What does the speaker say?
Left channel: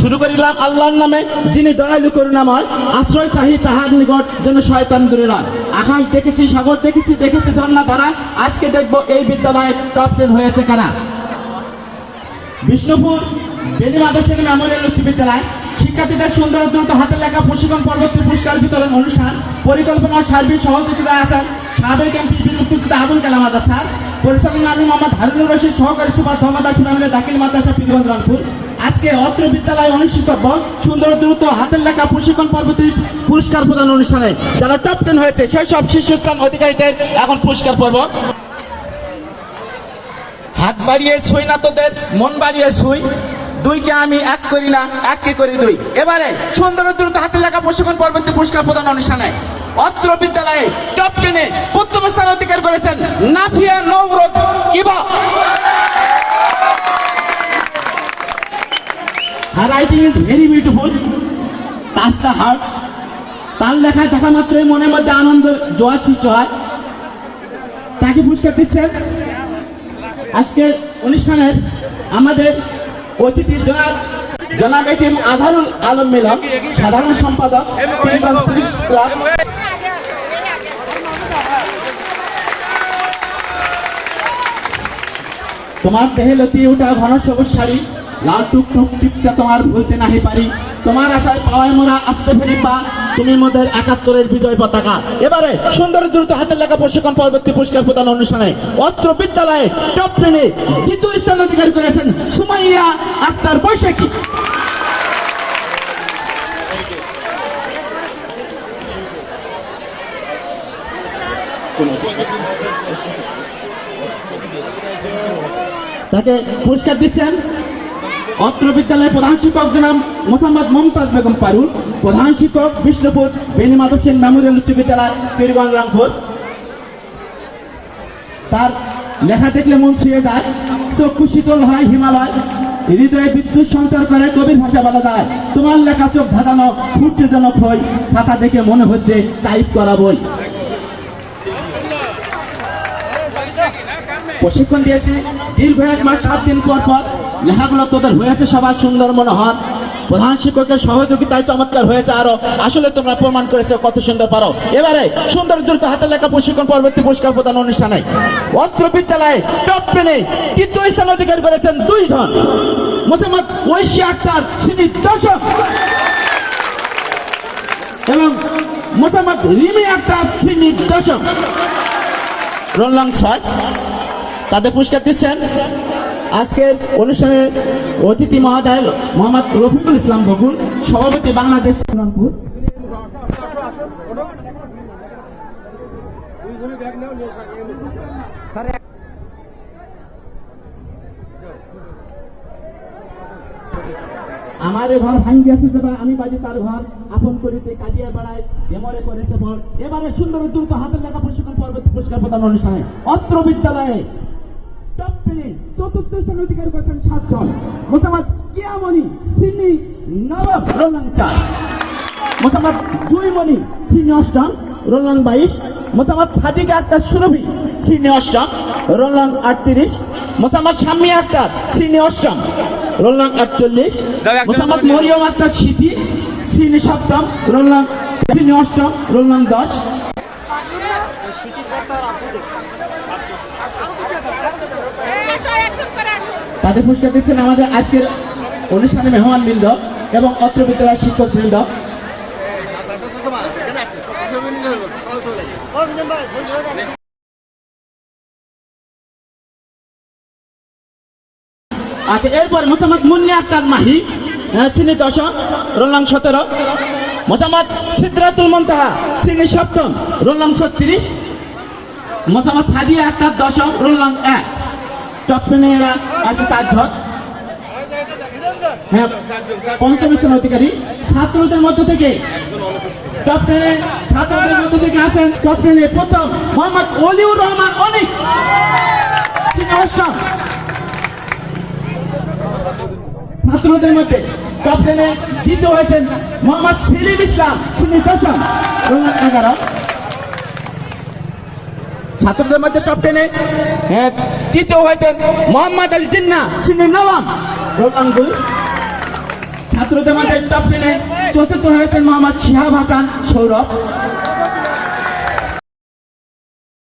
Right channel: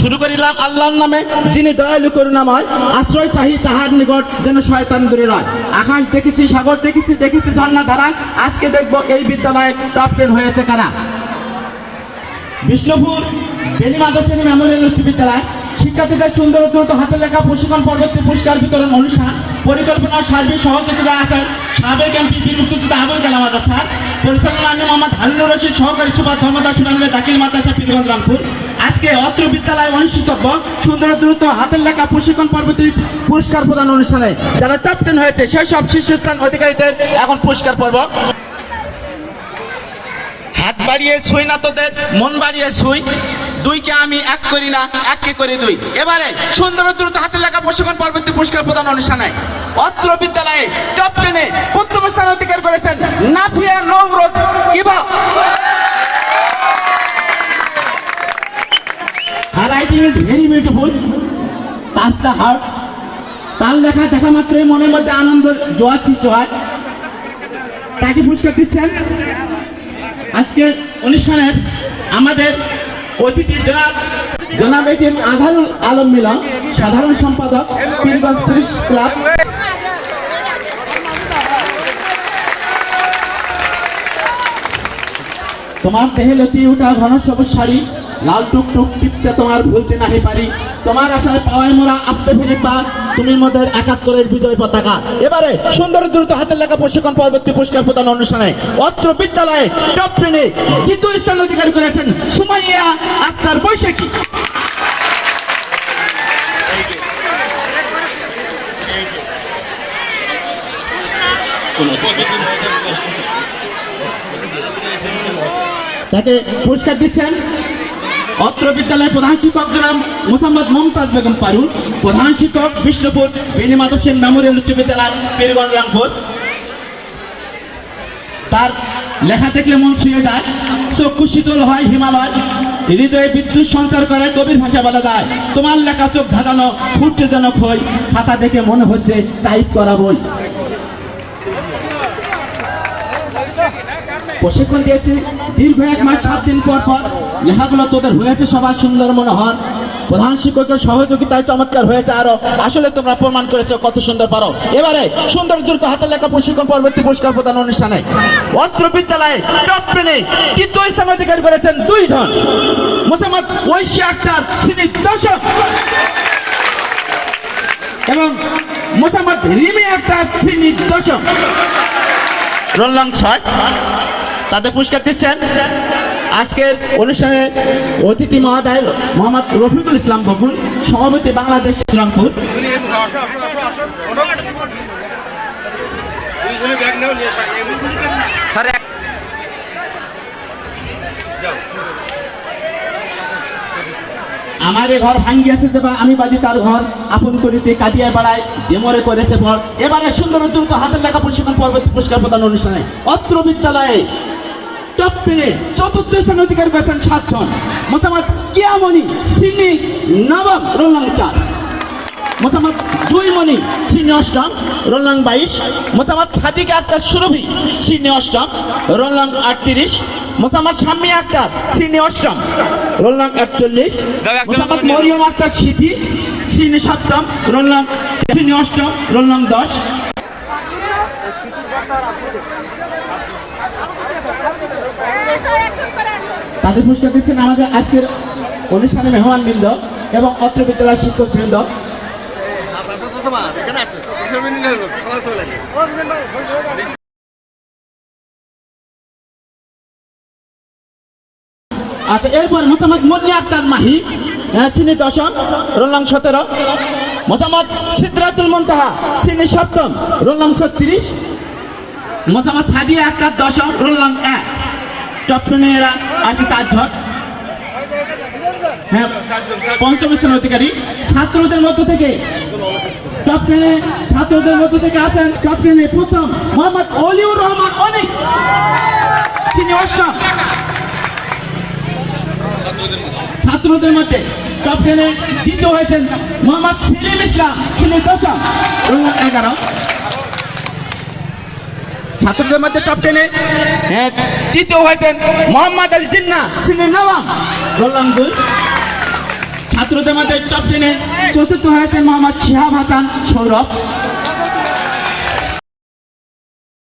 শুরু করিলাম আল্লাহর নামে। যিনি দয়ালু করুণাময়, আশ্রয় চাহি তাহার নিকট যেন শয়তান দূরে রয়। আকাশ দেখেছি, সাগর দেখেছি দেখেছি ঝর্ণা ধারা। আজকে দেখব এই বিদ্যালয়ে টপ টেন হয়েছে কারা? বিষ্ণুপুর বেনি মাধবশ্রেণী মেমোরিয়াল উচ্চ বিদ্যালয় শিক্ষার্থীদের সুন্দর দ্রুত হাতে লেখা প্রশিক্ষণ পরবর্তী পুরস্কার বিতরণ অনুষ্ঠান। পরিকল্পনা, সার্বিক সহযোগিতা আছেন সাবেক এমপি বীর আবুল কালাম আজাদ স্যার। পরিচালনা আমি মোহাম্মদ হারুনুর রশিদ সহকারী সুপার ধর্মদাস সুনামলে দাখিল মাদ্রাসা পীরগঞ্জ রামপুর। আজকে অত্র বিদ্যালয়ে অনুষ্ঠিতব্য সুন্দর দ্রুত হাতের লেখা প্রশিক্ষণ পরবর্তী পুরস্কার প্রদান অনুষ্ঠানে। যারা টপ টেন হয়েছে, সেই সব শীর্ষস্থান অধিকারীদের এখন পুরস্কার পর্ব। হাত বাড়িয়ে ছুঁই না তোদের, মন বাড়িয়ে ছুঁই। দুইকে আমি এক করি না এককে করি দুই। এবারে সুন্দর দ্রুত হাতে লেখা প্রশিক্ষণ পরবর্তী পুরস্কার প্রদান অনুষ্ঠানে অত্র বিদ্যালয়ে টপ টেনে প্রথম স্থান অধিকার করেছেন নাফিয়া নৌরোজ ইবা। আর রাইটিং ইজ ভেরি বিউটিফুল পাঁচটা হার্ট তার লেখা দেখা মাত্রই মনের মধ্যে আনন্দ, জোয়ার সৃষ্টি হয়। তাকে পুরস্কার দিচ্ছেন। আজকের অনুষ্ঠানের আমাদের অতিথি জনাব জনাব এটিএম আজহারুল আলম মিলন, সাধারণ সম্পাদক পুলিশ ক্লাব। তোমার দেহে লতি উঠা ঘন সবুজ শাড়ি। লাল টুক টুক টিপটা তোমার ভুলতে নাহি পারি। তোমার আশায় পাওয়ায় মোরা আসতে ফিরি পা তুমি মোদের একাত্তরের বিজয় পতাকা। এবারে সুন্দর দ্রুত হাতের লেখা প্রশিক্ষণ পরবর্তী পুরস্কার প্রদান অনুষ্ঠানে অত্র বিদ্যালয়ে টপ টেনে দ্বিতীয় স্থান অধিকারী করেছেন সুমাইয়া আক্তার বৈশাখী। তাকে পুরস্কার দিচ্ছেন অত্র বিদ্যালয়ের প্রধান শিক্ষক জনাব মোসাম্মদ মমতাজ বেগম পারুল, প্রধান শিক্ষক বিষ্ণুপুর বেনি মাধব সেন মেমোরিয়াল উচ্চ বিদ্যালয় পীরগঞ্জ রামপুর তার লেখা দেখলে মন ছুঁয়ে যায় চক্ষু শীতল হয় হিমালয়, হৃদয়ে বিদ্যুৎ সঞ্চার করে কবির ভাষা বলা যায়। তোমার লেখা চোখ ধাঁধানো, ফুটছে যেন খই, খাতা দেখে মনে হচ্ছে টাইপ করা বই। প্রশিক্ষণ দিয়েছি দীর্ঘ এক মাস, সাত দিন পর পর লেখাগুলো তোদের হয়েছে সবার সুন্দর মনে মনোহর। প্রধান শিক্ষকের সহযোগিতায় চমৎকার হয়েছে আরও। আসলে তোমরা প্রমাণ করেছ কত সুন্দর পারো। এবারে সুন্দর দ্রুত হাতের লেখা প্রশিক্ষণ পরবর্তী পুরস্কার প্রদান অনুষ্ঠানে অত্র বিদ্যালয়ে তৃতীয় স্থান অধিকার করেছেন দুইজন। মোসাম্মদ ঐশী আক্তার শ্রী দশক এবং মোসাম্মদ রিমি আক্তার শ্রী দশক রোল ছয়। তাদের পুরস্কার দিচ্ছেন আজকের অনুষ্ঠানে অতিথি মহোদয় মোহাম্মদ রফিকুল ইসলাম বকুল সভাপতি বাংলাদেশ মুহূর্তে। আমার এ ঘর ভাঙ্গিয়াছে দেবা আমি বাজি তার ঘর আপন করিতে কাটিয়া বেড়ায় যে মরে করেছে পর এবারে সুন্দর দ্রুত হাতের লেখা প্রশিক্ষণ পরবর্তী পুরস্কার প্রদান অনুষ্ঠানে অত্র বিদ্যালয়ে টপ টেনে চতুর্থ স্থান অধিকার করেছেন সাতজন। মোসাম্মদ কিয়ামণি সিনি নবাব রোলাং চার মোসাম্মদ জুইমণি সিনি অষ্টম রোলাং বাইশ। মোসাম্মদ সাদিক আক্তার সুরভি সিনি অষ্টম রোলাং আটত্রিশ। মোসাম্মদ শাম্মী আক্তার সিনি অষ্টম রোলাং একচল্লিশ। মোসাম্মদ মরিয়ম আক্তার সিদ্ধি সিনি সপ্তম রোলাং সিনি অষ্টম রোলাং দশ। তাদের পুরস্কার দিচ্ছেন আমাদের আজকের অনুষ্ঠানে মেহমান বৃন্দ এবং অত্র বিদ্যালয়ের শিক্ষক বৃন্দ। আচ্ছা এরপর মোসাম্মদ মুন্নি আক্তার মাহি। শ্রেণি দশম রোলাং সতেরো। মোসাম্মদ সিদ্ধাতুল মন্তাহা, শ্রেণি সপ্তম রোলাং ছত্রিশ। মোসাম্মদ সাদিয়া আক্তার দশম রোলাং এক। টপ টেনে এরা আছে চারজন। হ্যাঁ পঞ্চম স্থান অধিকারী। ছাত্রদের মধ্য থেকে টপ টেনে ছাত্রদের মধ্য থেকে আছেন টপ টেনে প্রথম মোহাম্মদ অলিউর রহমান অনিক। তিনি অষ্টম। ছাত্রদের মধ্যে টেনে দ্বিতীয় হয়েছেন মোহাম্মদ সেলিম ইসলাম তিনি দশম এগারো। ছাত্রদের মধ্যে টপ টেনে হ্যাঁ, তৃতীয় হয়েছেন মোহাম্মদ আলী জিন্না তিনি নবম রোলাং দুই ছাত্রদের মধ্যে টপ টেনে চতুর্থ হয়েছেন মোহাম্মদ শিহাব হাসান সৌরভ।